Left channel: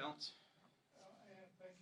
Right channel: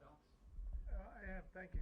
balance. Yeah, thank you.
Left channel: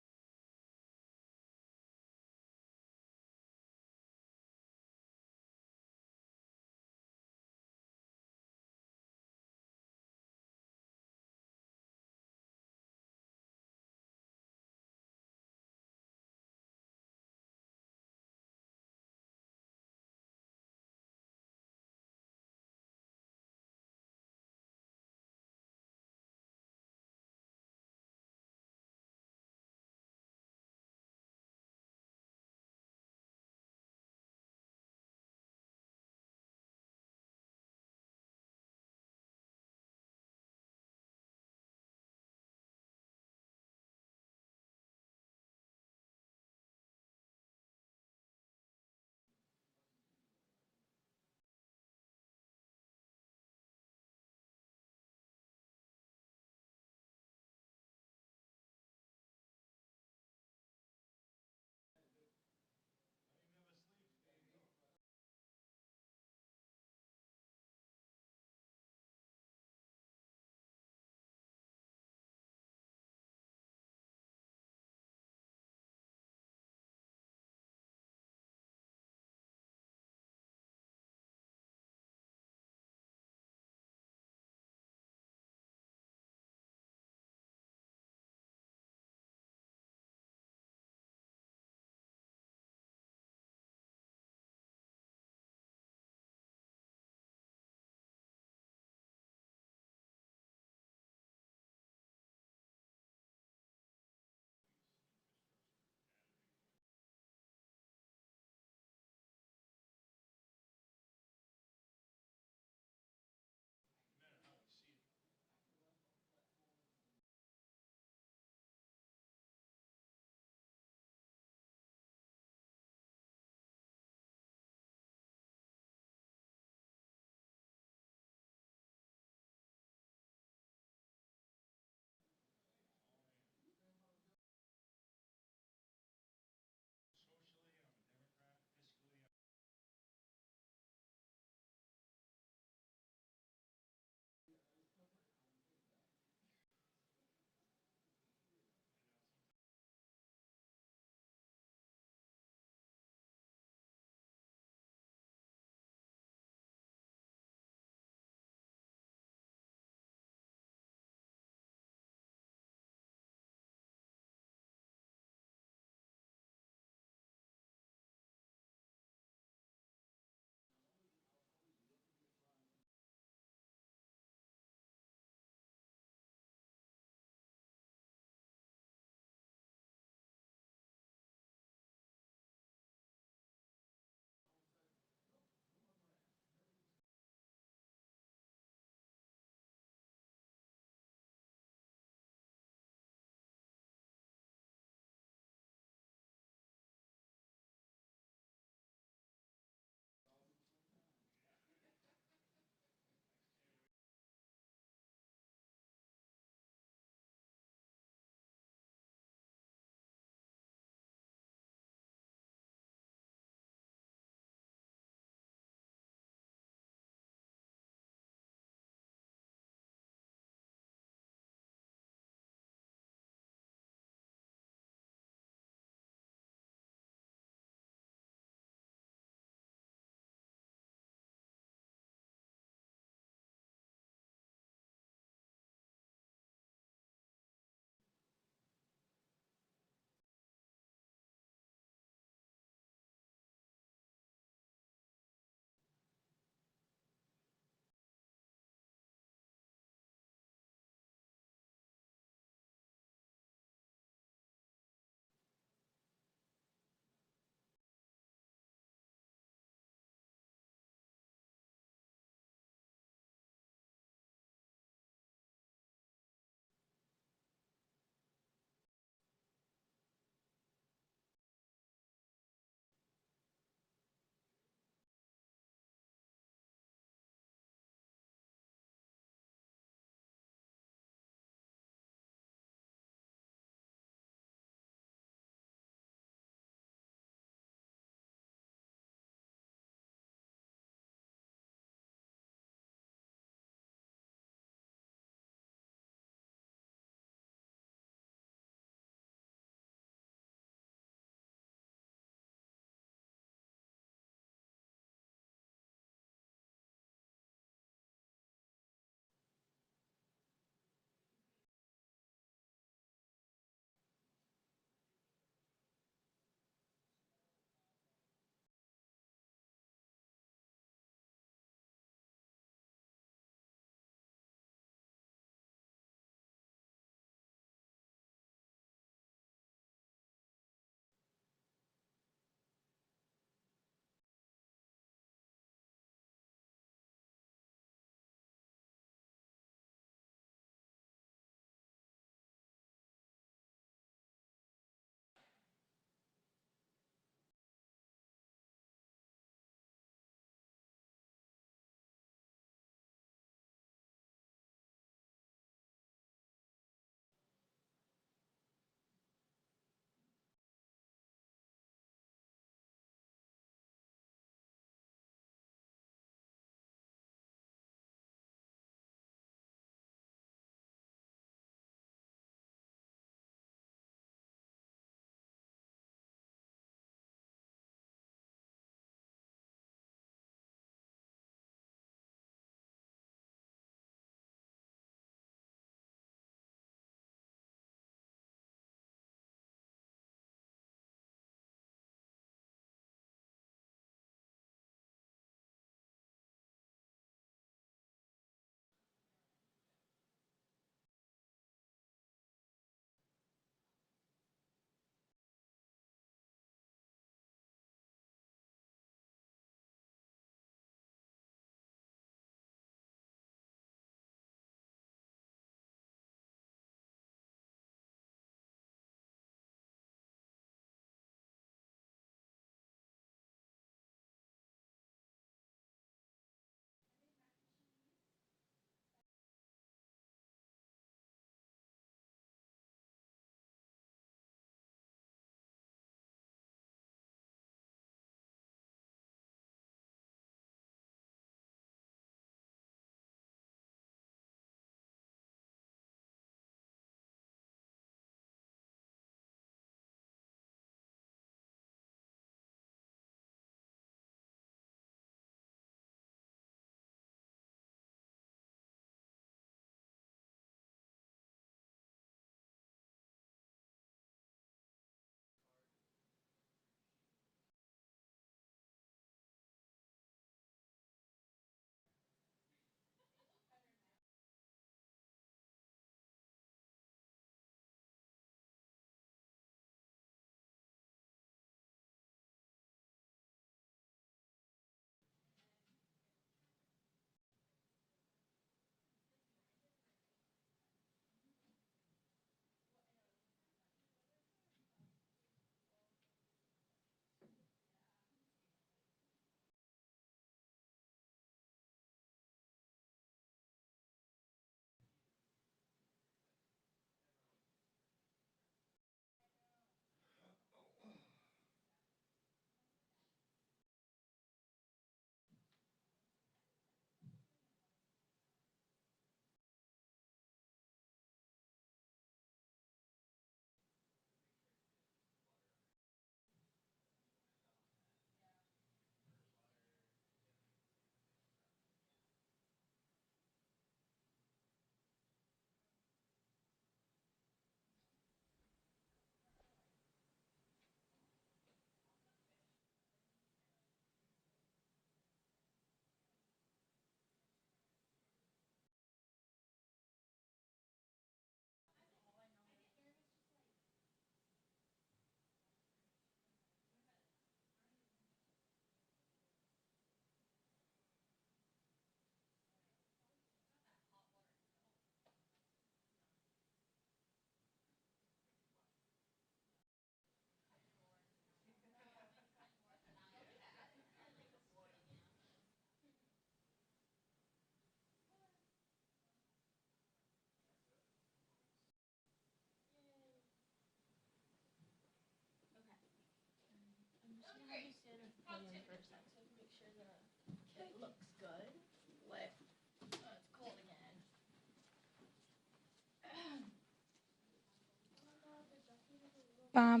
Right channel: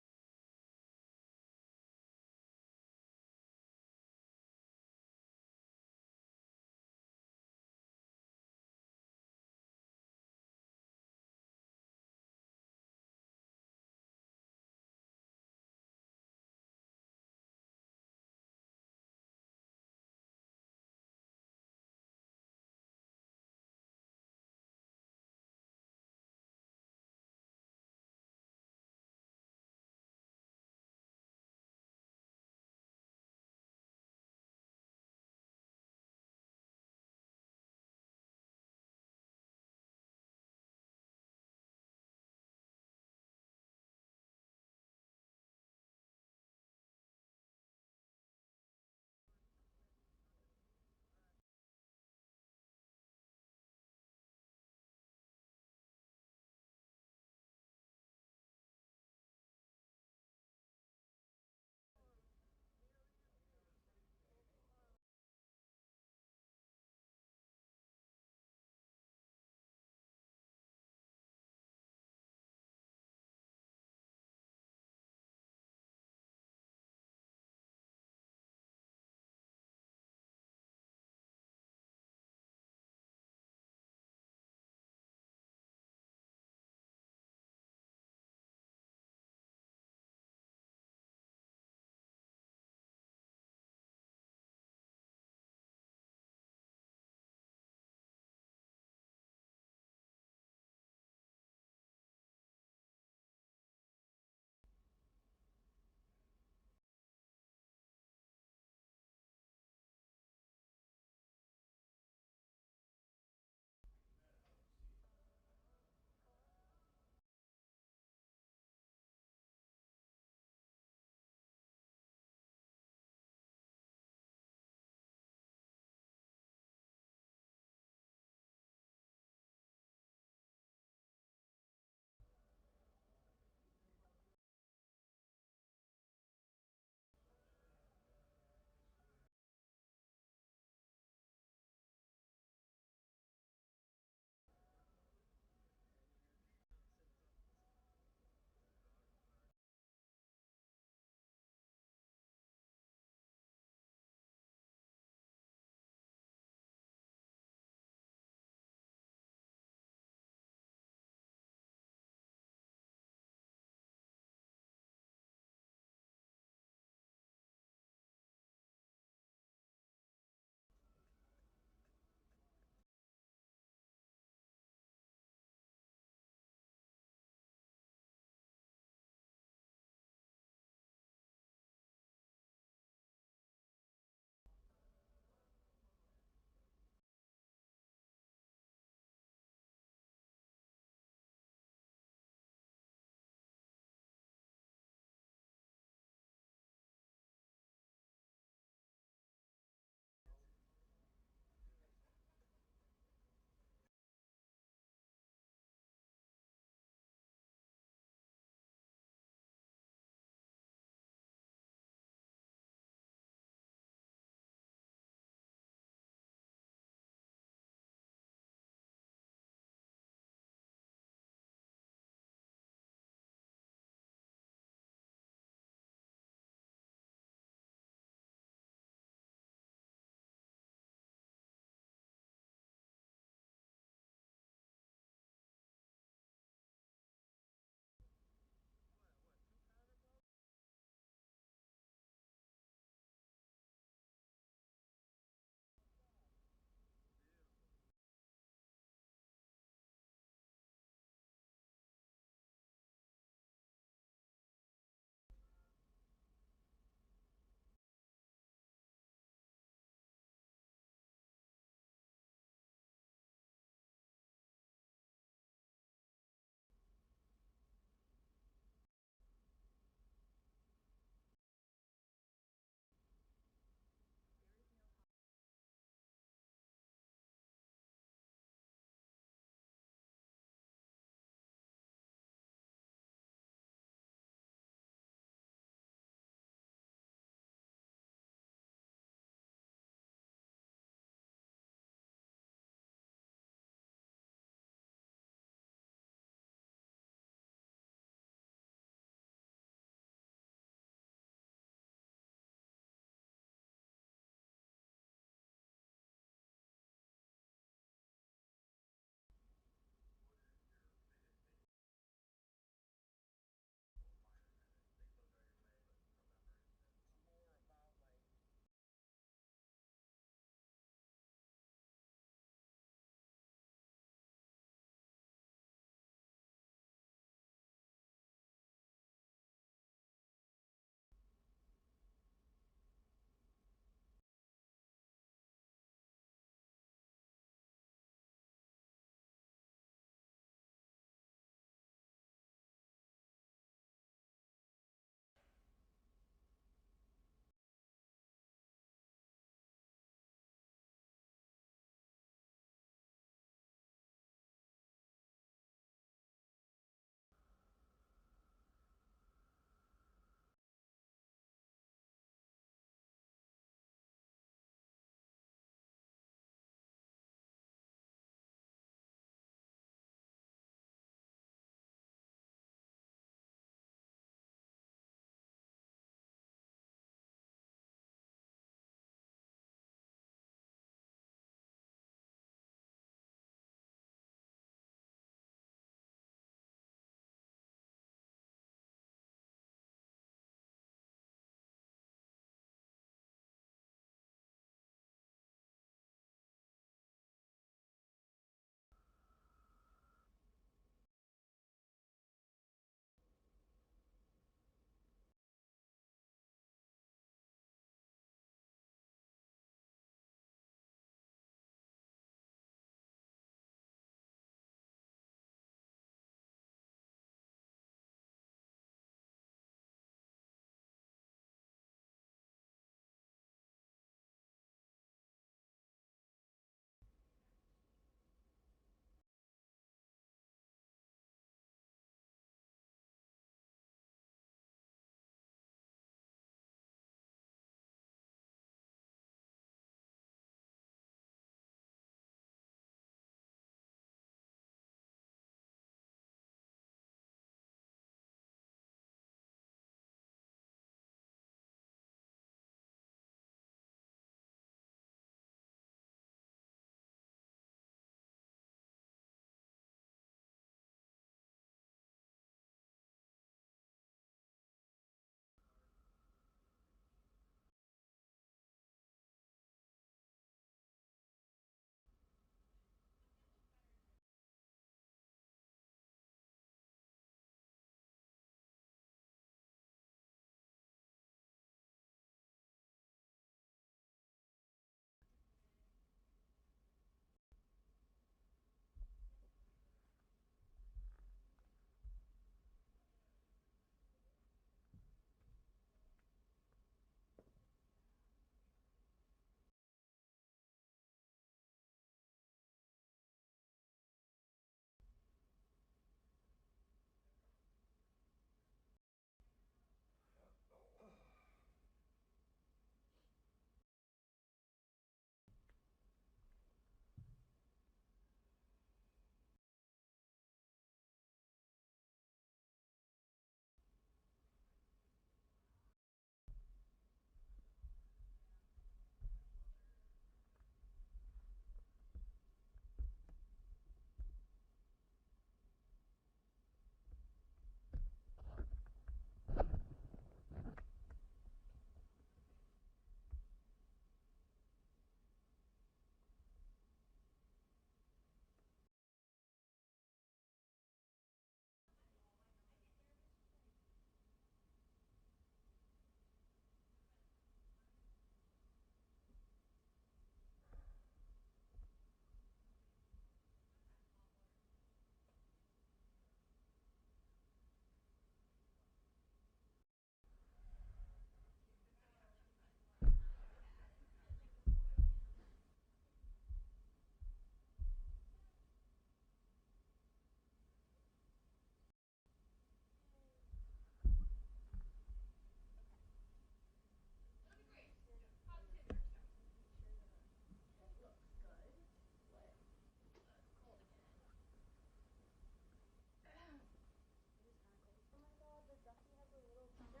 Bop,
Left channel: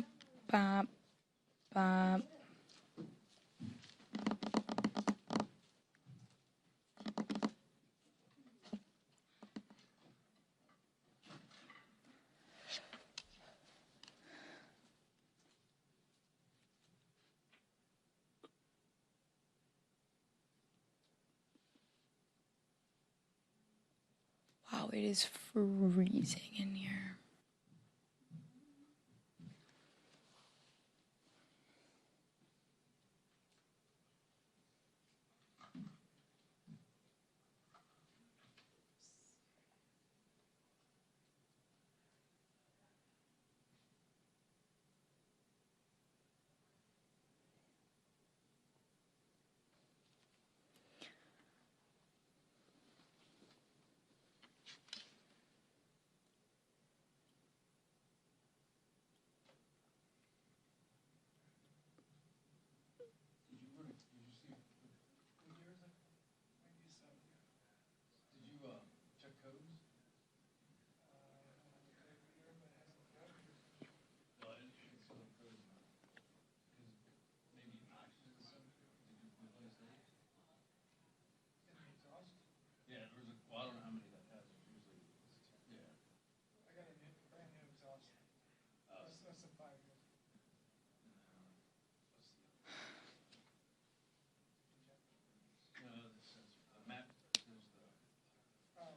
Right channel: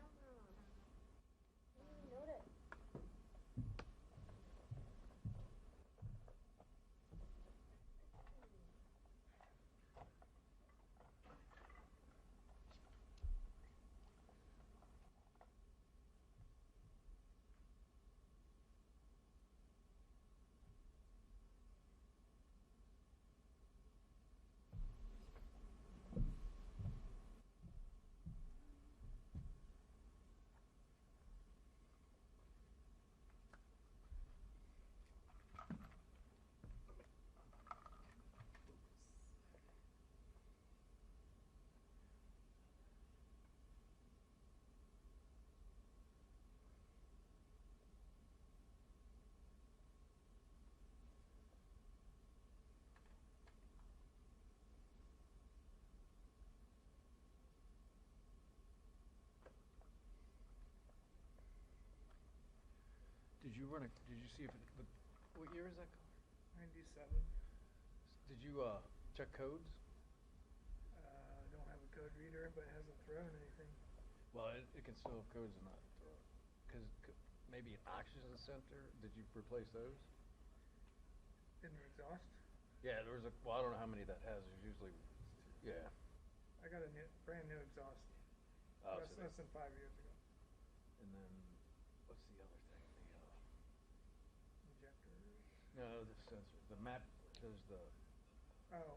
bop, bop. Wow, it is freezing in here. Did you see if, what year is that? 97. Did you, check codes? I don't have a code reader, but it hasn't thrown anything. Well, it can still have codes and not, maybe an oxygen sensor, did you replace those? In the exhaust. Yeah, there was well, I don't know how many that has, there's usually, yeah. I got a brand new exhaust. Less than 5 years ago. And then, what's the other thing? Injectors. No, the sensor, the map, there's the, Oh,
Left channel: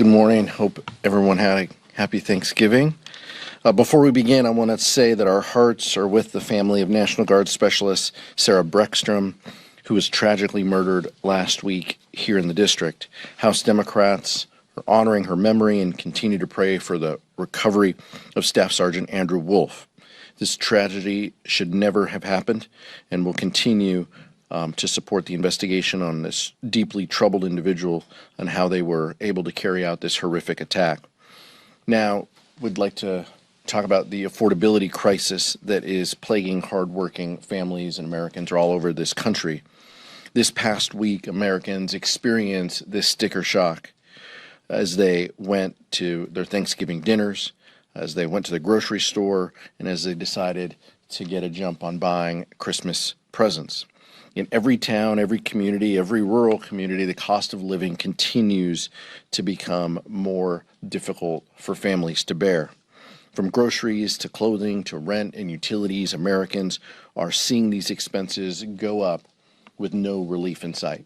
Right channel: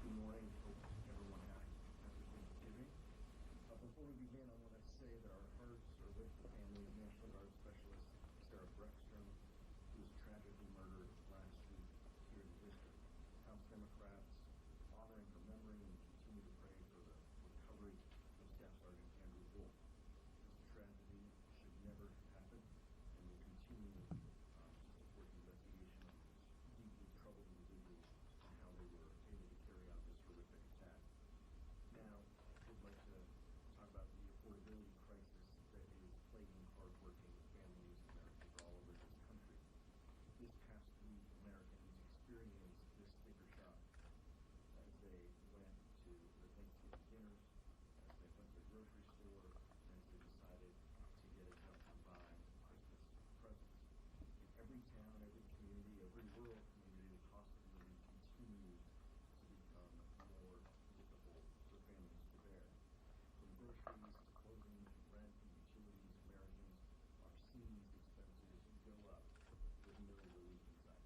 Good morning. Hope everyone had a happy Thanksgiving. Before we begin, I want to say that our hearts are with the family of National Guard Specialist Sarah Breckstrom, who was tragically murdered last week here in the district. House Democrats are honoring her memory and continue to pray for the recovery of Staff Sergeant Andrew Wolf. This tragedy should never have happened, and will continue to support the investigation on this deeply troubled individual and how they were able to carry out this horrific attack. Now, we'd like to talk about the affordability crisis that is plaguing hardworking families and Americans all over this country. This past week, Americans experienced this sticker shock as they went to their Thanksgiving dinners, as they went to the grocery store, and as they decided to get a jump on buying Christmas presents. In every town, every community, every rural community, the cost of living continues to become more difficult for families to bear. From groceries to clothing to rent and utilities, Americans are seeing these expenses go up with no relief in sight.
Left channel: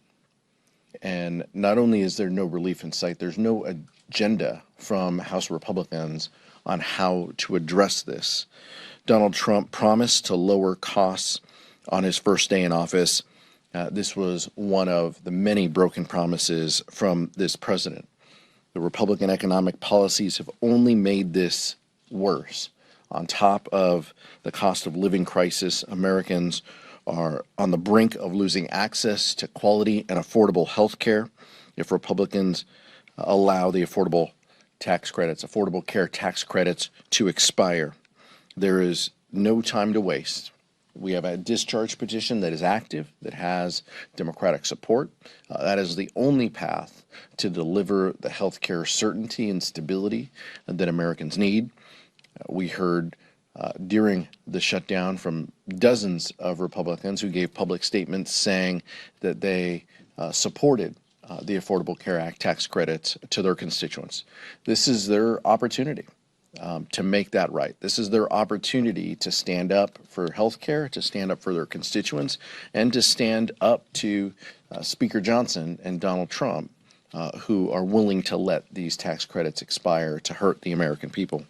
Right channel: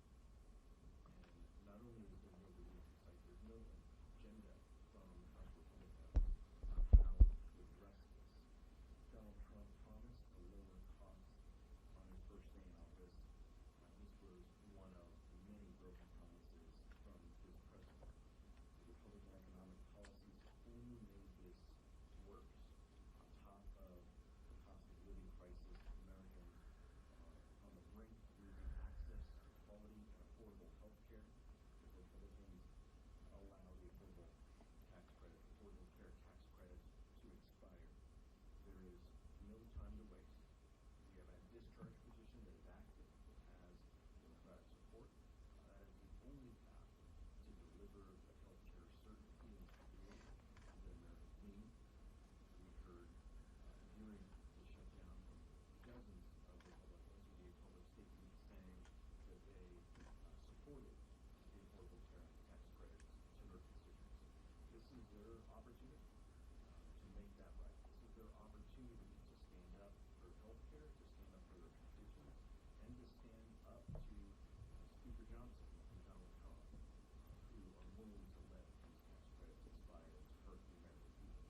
And not only is there no relief in sight, there's no agenda from House Republicans on how to address this. Donald Trump promised to lower costs on his first day in office. This was one of the many broken promises from this president. The Republican economic policies have only made this worse. On top of the cost of living crisis, Americans are on the brink of losing access to quality and affordable health care if Republicans allow the affordable care tax credits to expire. There is no time to waste. We have a discharge petition that is active, that has Democratic support. That is the only path to deliver the health care certainty and stability that Americans need. We heard during the shutdown from dozens of Republicans who gave public statements saying that they supported the Affordable Care Act tax credits to their constituents. This is their opportunity to make that right. This is their opportunity to stand up for health care, to stand up for their constituents, and to stand up to Speaker Johnson and Donald Trump, who are willing to let these tax credits expire to hurt the American people.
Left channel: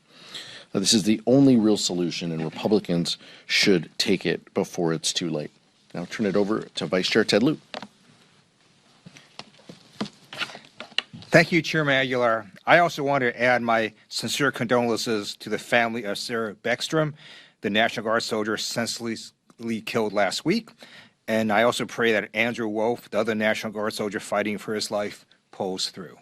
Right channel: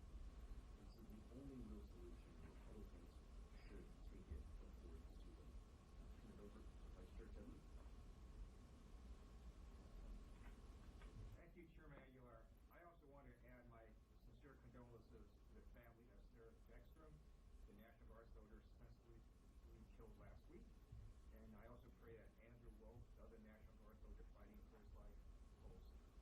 This is the only real solution, and Republicans should take it before it's too late. Now I'll turn it over to Vice Chair Ted Lieu. Thank you, Chairman Aguilar. I also want to add my sincere condolences to the family of Sarah Beckstrom, the National Guard soldier senselessly killed last week. And I also pray that Andrew Wolf, the other National Guard soldier fighting for his life, pulls through.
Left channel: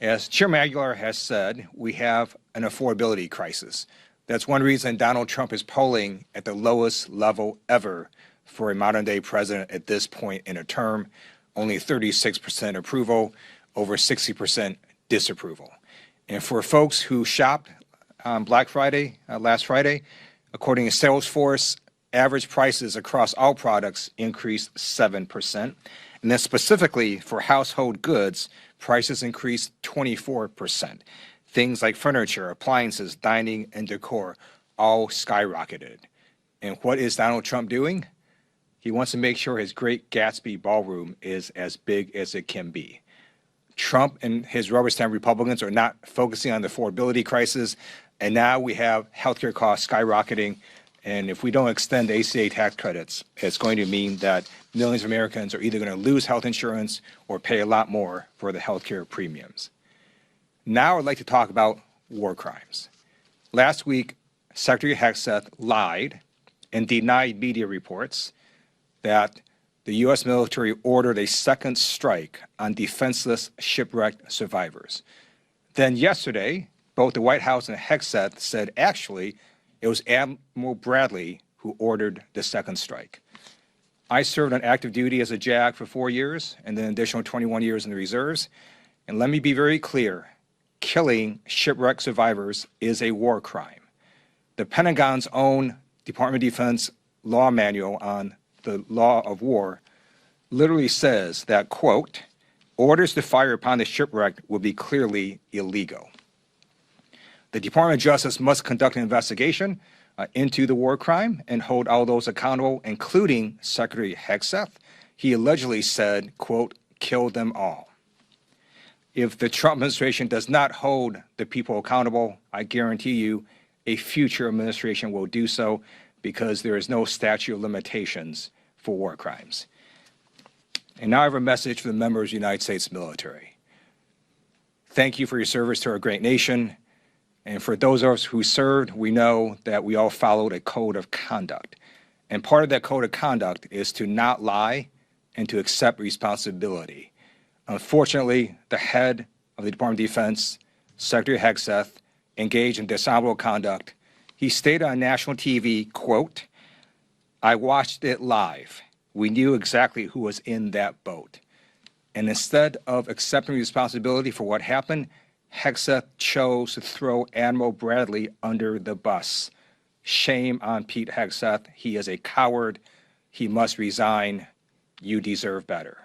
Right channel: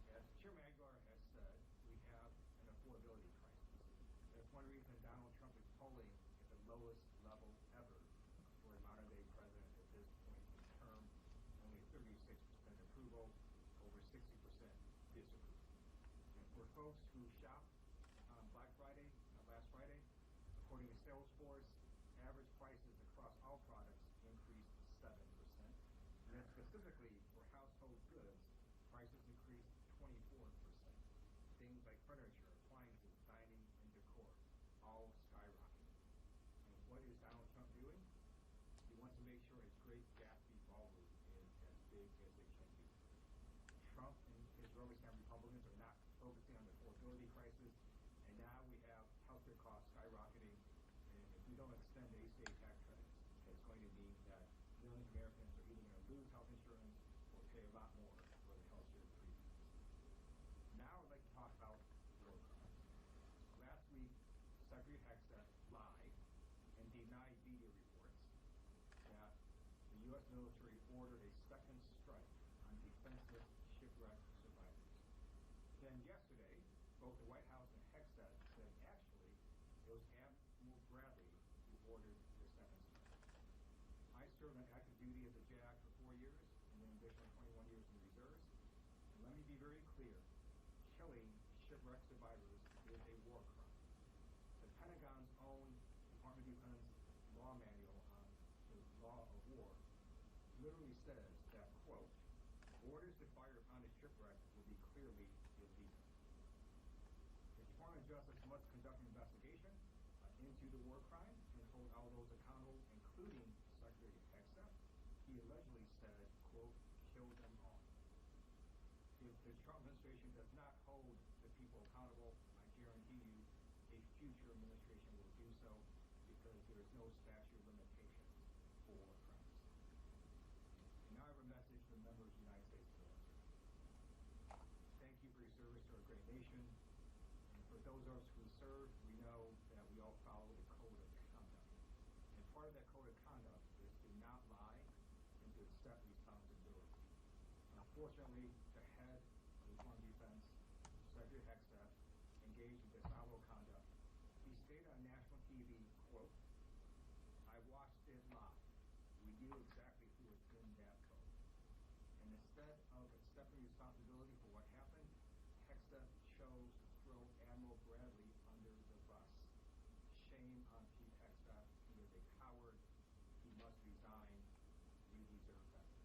As Chairman Aguilar has said, we have an affordability crisis. That's one reason Donald Trump is polling at the lowest level ever for a modern-day president at this point in a term. Only 36% approval, over 60% disapproval. And for folks who shopped on Black Friday, last Friday, according to Salesforce, average prices across all products increased 7%. And then specifically for household goods, prices increased 24%. Things like furniture, appliances, dining, and decor all skyrocketed. And what is Donald Trump doing? He wants to make sure his Great Gatsby ballroom is as big as it can be. Trump and his rubber stamp Republicans are not focusing on the affordability crisis, and now we have healthcare costs skyrocketing. And if we don't extend the ACA tax credits, it's going to mean that millions of Americans are either going to lose health insurance or pay a lot more for the healthcare premiums. Now I'd like to talk about war crimes. Last week, Secretary Hegseth lied and denied media reports that the U.S. military ordered a second strike on defenseless shipwrecked survivors. Then yesterday, both the White House and Hegseth said actually it was Admiral Bradley who ordered the second strike. I served on active duty as a JAG for 4 years and then an additional 21 years in the reserves. And let me be very clear, killing shipwrecked survivors is a war crime. The Pentagon's own Department of Defense law manual on the law of war literally says that, quote, orders to fire upon the shipwrecked will be clearly illegal. The Department of Justice must conduct an investigation into the war crime and hold all those accountable, including Secretary Hegseth. He allegedly said, quote, kill them all. If the Trump administration does not hold the people accountable, I guarantee you a future administration will do so, because there is no statute of limitations for war crimes. And now I have a message for the members of the United States military. Thank you for your service to our great nation. And for those of us who served, we know that we all followed a code of conduct. And part of that code of conduct is to not lie and to accept responsibility. Unfortunately, the head of the Department of Defense, Secretary Hegseth, engaged in dishonorable conduct. He stated on national TV, quote, "I watched it live. We knew exactly who was in that boat." And instead of accepting responsibility for what happened, Hegseth chose to throw Admiral Bradley under the bus. Shame on Pete Hegseth. He is a coward. He must resign. You deserve better.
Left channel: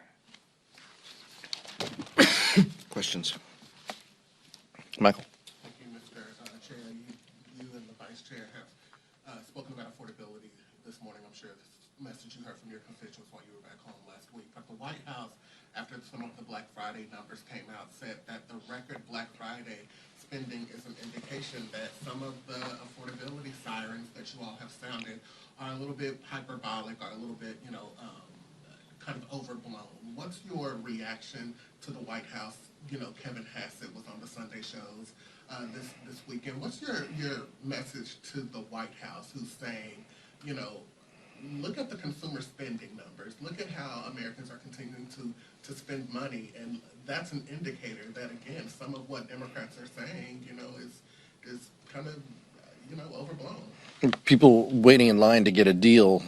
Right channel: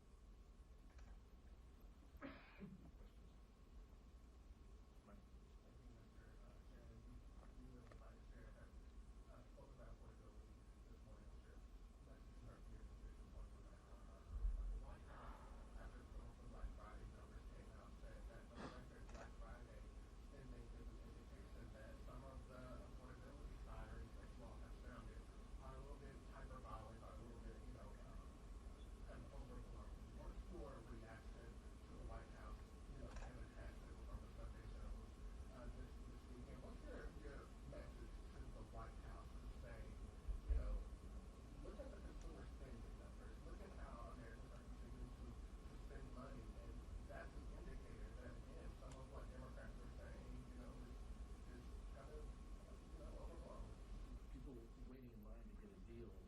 Questions? Michael? Thank you, Mr. Chair. You and the Vice Chair have spoken about affordability this morning. I'm sure this message you heard from your constituents while you were back home last week. But the White House, after some of the Black Friday numbers came out, said that the record Black Friday spending is an indication that some of the affordability sirens that you all have sounded are a little bit hyperbolic, or a little bit, kind of overblown. What's your reaction to the White House? Kevin Hassett was on the Sunday shows this weekend. What's your message to the White House, who's saying, look at the consumer spending numbers, look at how Americans are continuing to spend money, and that's an indicator that, again, some of what Democrats are saying, is kind of, overblown. People waiting in line to get a deal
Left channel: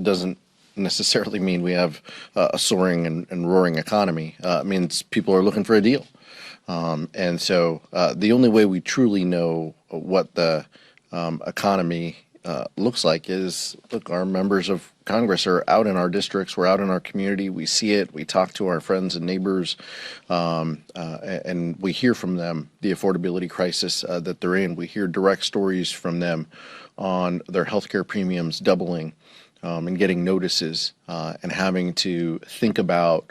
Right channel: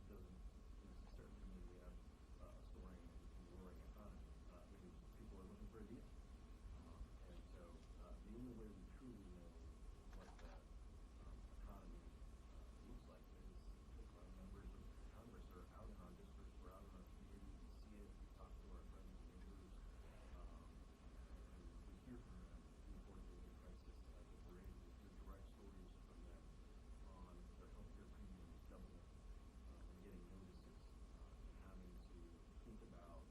doesn't necessarily mean we have a soaring and roaring economy. It means people are looking for a deal. And so the only way we truly know what the economy looks like is, look, our members of Congress are out in our districts, we're out in our community, we see it, we talk to our friends and neighbors, and we hear from them the affordability crisis that they're in. We hear direct stories from them on their healthcare premiums doubling, and getting notices, and having to think about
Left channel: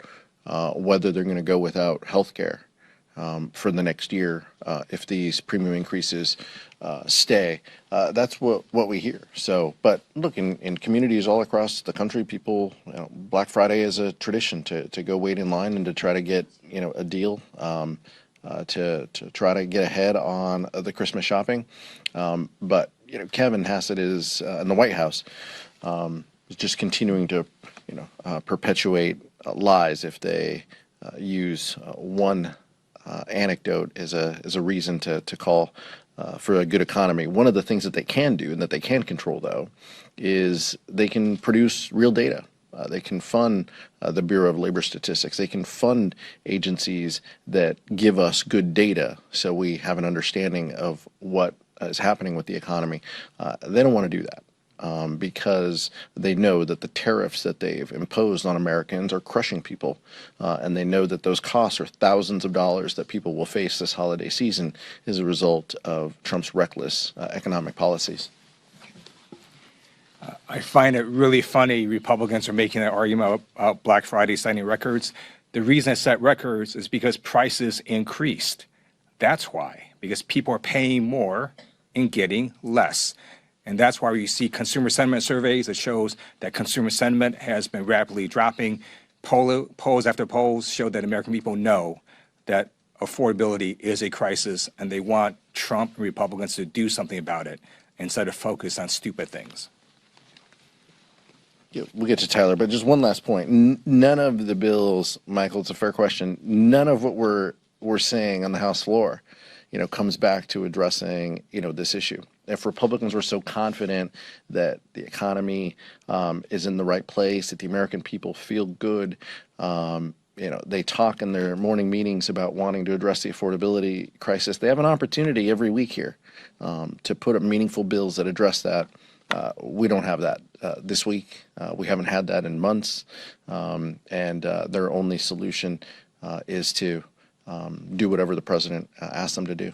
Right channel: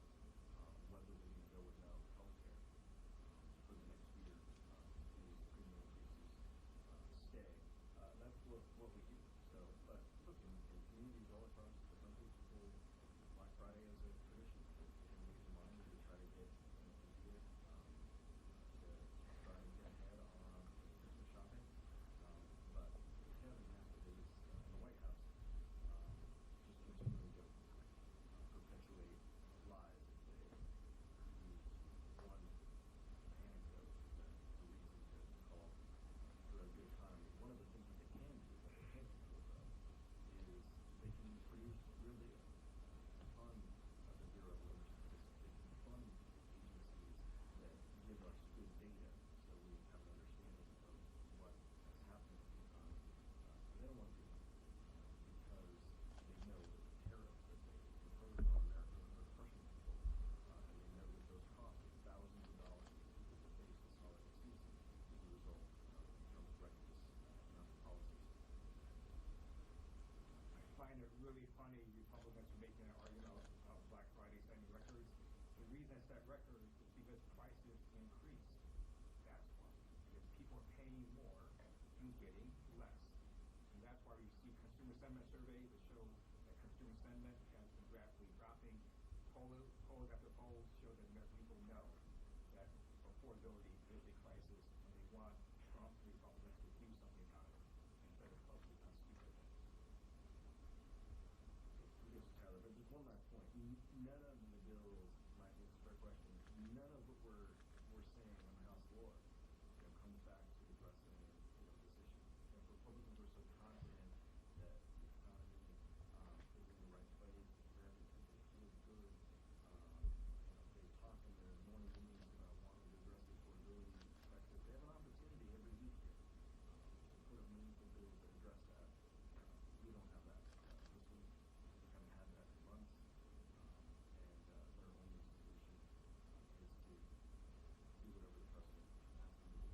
whether they're going to go without health care for the next year if these premium increases stay. That's what we hear. So, but look, in communities all across the country, people, Black Friday is a tradition to go wait in line and to try to get a deal, to try to get ahead on the Christmas shopping. But Kevin Hassett is in the White House. Is just continuing to, perpetuate lies if they use one anecdote as a reason to call for a good economy. One of the things that they can do and that they can control, though, is they can produce real data. They can fund the Bureau of Labor Statistics. They can fund agencies that give us good data so we have an understanding of what is happening with the economy. They don't want to do that. Because they know that the tariffs that they've imposed on Americans are crushing people, and they know that those costs are thousands of dollars that people will face this holiday season as a result of Trump's reckless economic policies. I find it really funny Republicans are making that argument about Black Friday setting records. The reason it set records is because prices increased. That's why, because people are paying more and getting less. And that's why you see consumer sentiment surveys that shows that consumer sentiment has been rapidly dropping. Polls after polls show that American people know that affordability is a crisis, and they want Trump and Republicans to do something about it instead of focus on stupid things. Yeah, we'll get to Tyler, but just one last point. None of the bills, Michael, it's a fair question, none of what we're saying on the House floor, comes back to addressing, this issue. If Republicans were so confident that the economy is in the right place, that the American people feel good, they talk in their morning meetings about wanting to address the affordability crisis. They have an opportunity every week here to put up meaningful bills that address that. We don't have that this week. We haven't had that in months, and their only solution is to do whatever the president asks them to do.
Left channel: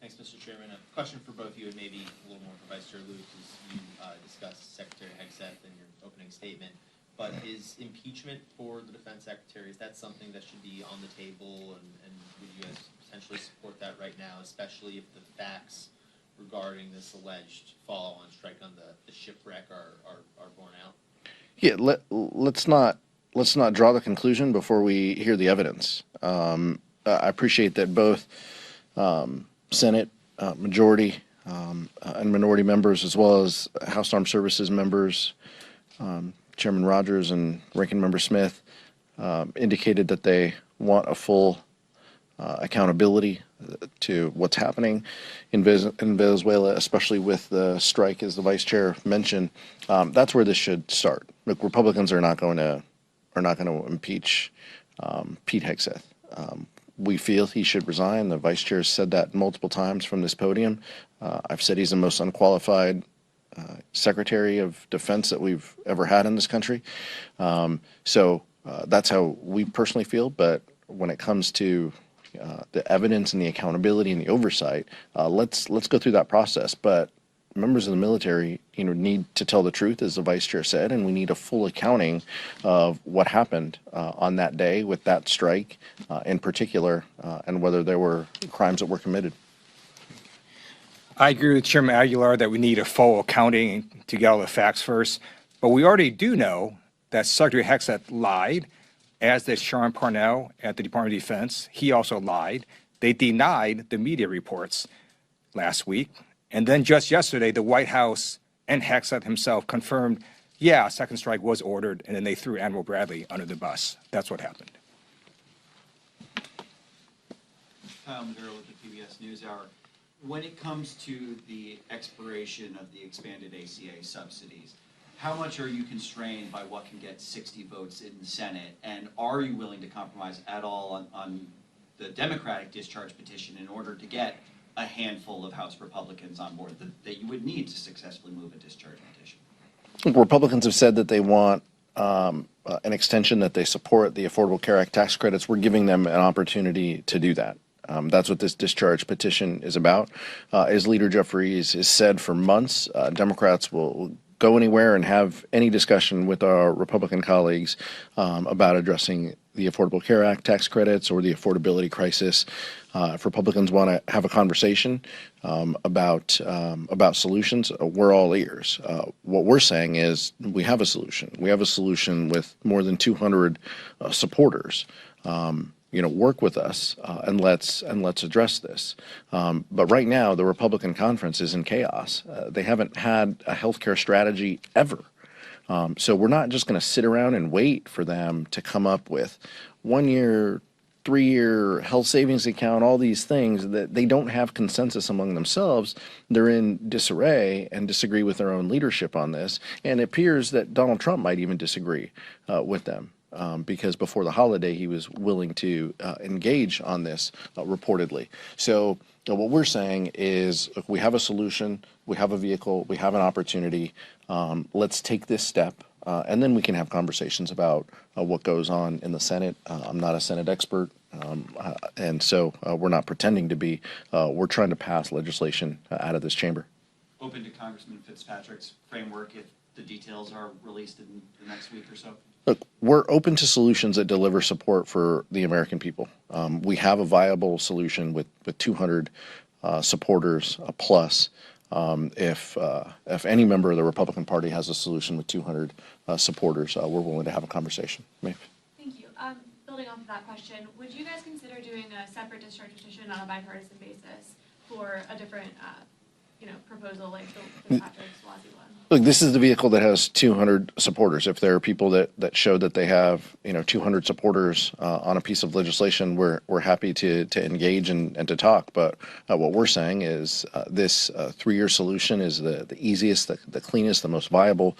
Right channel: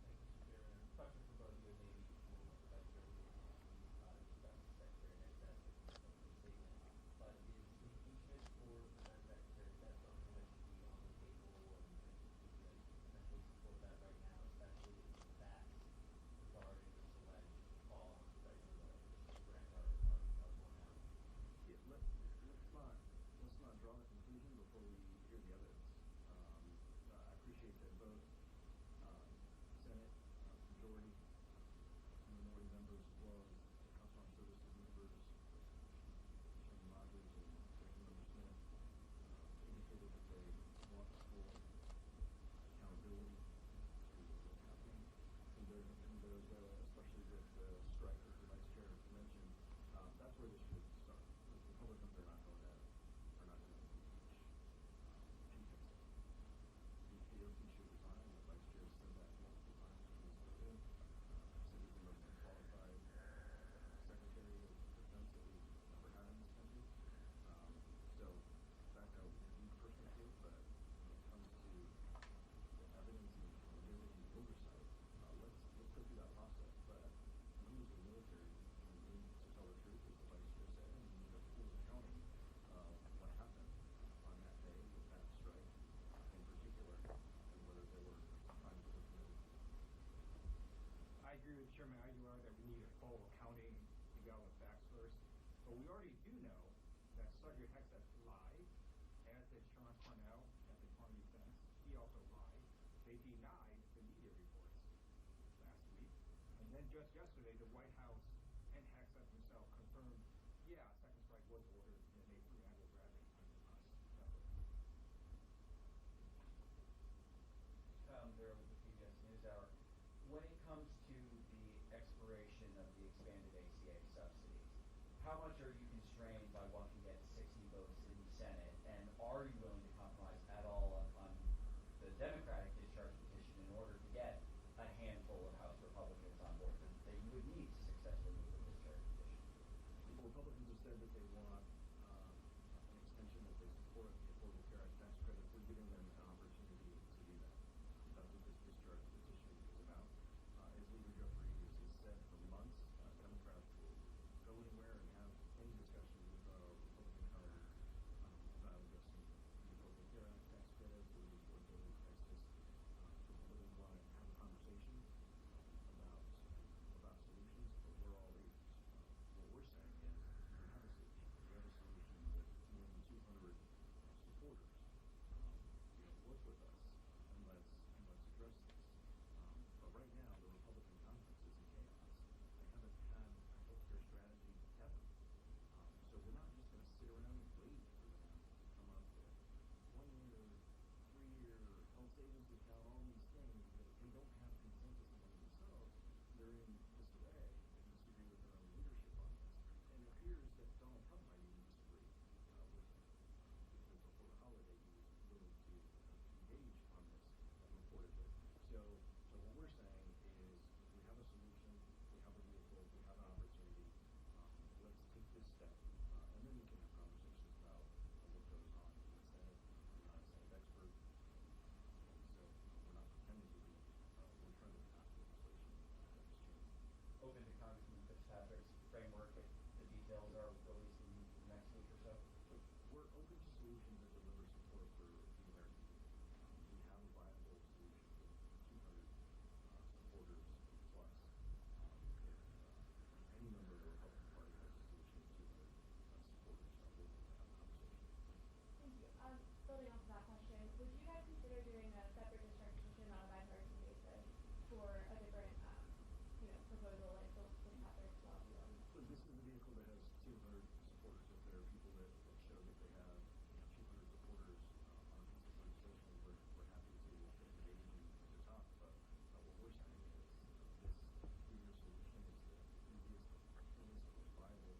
Thanks, Mr. Chairman. A question for both you, and maybe a little more for Vice Chair Lewis, as you discussed Secretary Hegseth in your opening statement. but is impeachment for the defense secretary, is that something that should be on the table, and would you guys potentially support that right now, especially if the facts regarding this alleged follow-on strike on the shipwreck are borne out? Yeah, let's not draw the conclusion before we hear the evidence. I appreciate that both Senate majority and minority members, as well as House Armed Services members, Chairman Rogers and Ranking Member Smith, indicated that they want a full accountability to what's happening in Venezuela, especially with the strike, as the vice chair mentioned. That's where this should start. Look, Republicans are not going to impeach Pete Hegseth. We feel he should resign. The vice chair has said that multiple times from this podium. I've said he's the most unqualified Secretary of Defense that we've ever had in this country. So that's how we personally feel. But when it comes to the evidence and the accountability and the oversight, let's go through that process. But members of the military, need to tell the truth, as the vice chair said, and we need a full accounting of what happened on that day with that strike, in particular, and whether there were crimes that were committed. I agree with Chairman Aguilar that we need a full accounting to get all the facts first. But we already do know that Secretary Hegseth lied, as did Sean Parnell at the Department of Defense. He also lied. They denied the media reports last week. And then just yesterday, the White House and Hegseth himself confirmed, yeah, a second strike was ordered, and then they threw Admiral Bradley under the bus. That's what happened. Kyle Maduro with the PBS NewsHour. When it comes to the expiration of the expanded ACA subsidies, how much are you constrained by what can get 60 votes in the Senate? And are you willing to compromise at all on the Democratic discharge petition in order to get a handful of House Republicans on board that you would need to successfully move a discharge petition? Republicans have said that they want an extension, that they support the Affordable Care Act tax credits. We're giving them an opportunity to do that. That's what this discharge petition is about. As Leader Jeffries has said for months, Democrats will go anywhere and have any discussion with our Republican colleagues about addressing the Affordable Care Act tax credits or the affordability crisis. If Republicans want to have a conversation about solutions, we're all ears. What we're saying is we have a solution. We have a solution with more than 200 supporters. Work with us and let's address this. But right now, the Republican conference is in chaos. They haven't had a healthcare strategy ever. So we're not just going to sit around and wait for them to come up with 1 year, 3-year health savings account, all these things that they don't have consensus among themselves. They're in disarray and disagree with their own leadership on this. And it appears that Donald Trump might even disagree with them. Because before the holiday, he was willing to engage on this reportedly. So what we're saying is, look, we have a solution, we have a vehicle, we have an opportunity. Let's take this step, and then we can have conversations about what goes on in the Senate. I'm not a Senate expert, and so we're not pretending to be. We're trying to pass legislation out of this chamber. Open to Congressman Fitzpatrick's framework if the details are released in the next week or so? Look, we're open to solutions that deliver support for the American people. We have a viable solution with 200 supporters plus. If any member of the Republican Party has a solution with 200 supporters, we're willing to have a conversation. Maeve. Thank you. Building off of that question, would you guys consider doing a separate discharge petition on a bipartisan basis for a different, proposal like the Fitzpatrick-Suozzi one? Look, this is the vehicle that has 200 supporters. If there are people that show that they have 200 supporters on a piece of legislation, we're happy to engage and to talk. But what we're saying is this 3-year solution is the easiest, the cleanest, the most viable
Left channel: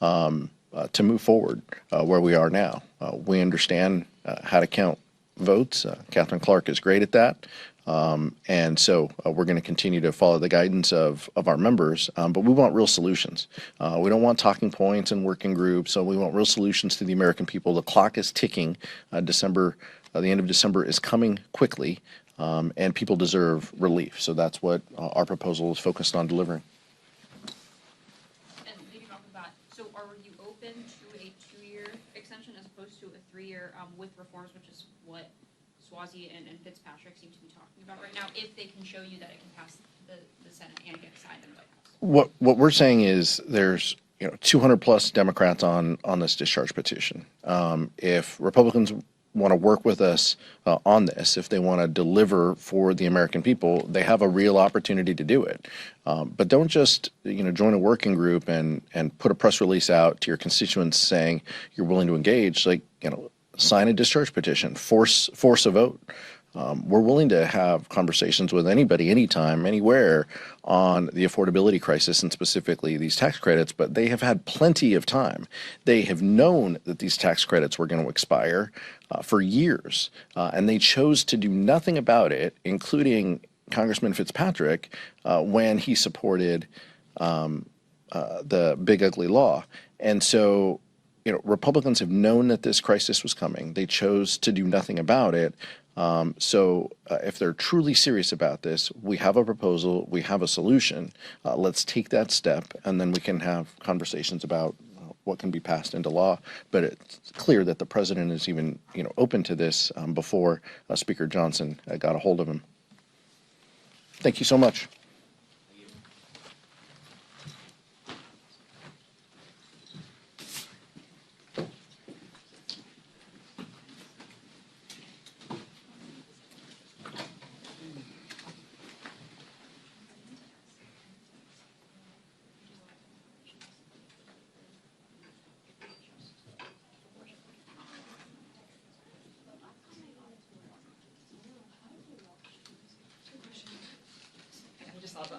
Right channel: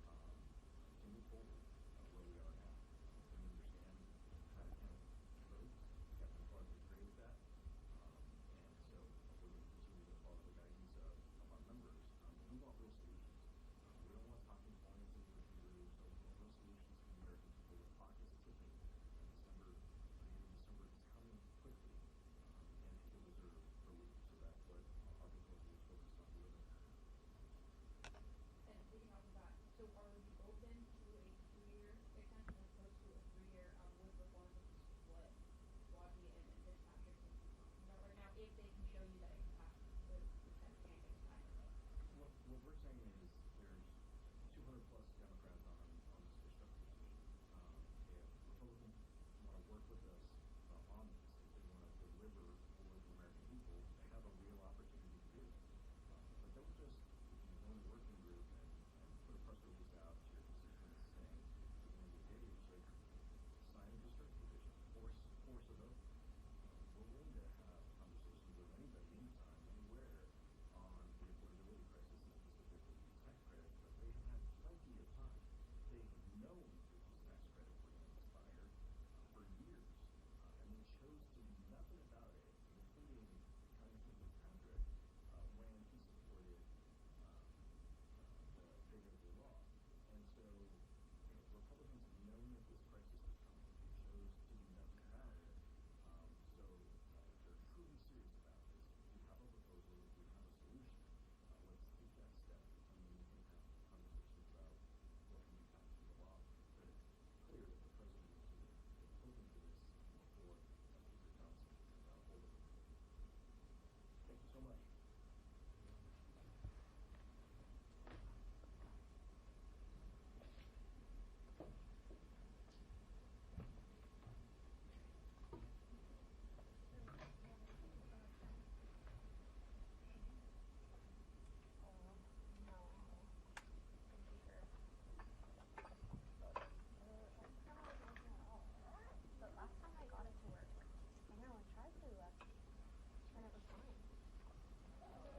to move forward where we are now. We understand how to count votes. Catherine Clark is great at that. And so we're going to continue to follow the guidance of our members, but we want real solutions. We don't want talking points and working groups, so we want real solutions to the American people. The clock is ticking. The end of December is coming quickly, and people deserve relief. So that's what our proposal is focused on delivering. And leading off of that, so are you open to a 2-year to a 3-year with reforms, which is what Swazi and Fitzpatrick seem to be talking about right now, if they can show you that it can pass the Senate and get signed in the White House. What we're saying is there's 200 plus Democrats on this discharge petition. If Republicans want to work with us on this, if they want to deliver for the American people, they have a real opportunity to do it. But don't just join a working group and put a press release out to your constituents saying you're willing to engage. Sign a discharge petition, force a vote. We're willing to have conversations with anybody, anytime, anywhere on the affordability crisis and specifically these tax credits, but they have had plenty of time. They have known that these tax credits were going to expire for years, and they chose to do nothing about it, including Congressman Fitzpatrick when he supported the Big Ugly Law. And so, Republicans have known that this crisis was coming. They chose to do nothing about it. If they're truly serious about this, we have a proposal, we have a solution. Let's take that step, and then we can have conversations about what can be passed into law. But it's clear that the president is even, open to this before Speaker Johnson got a hold of him. Thank you so much.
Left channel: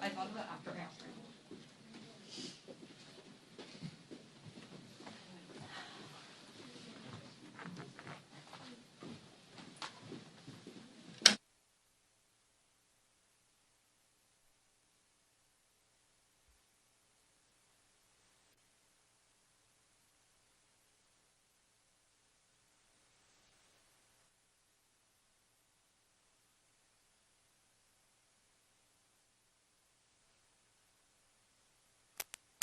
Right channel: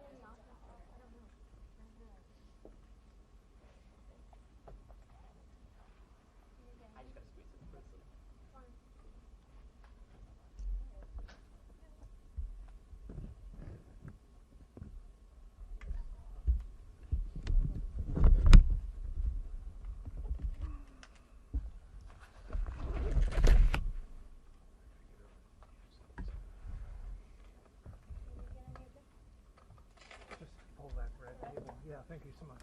I thought of that after I asked her. Just pull that red table. Yeah, thank you so much.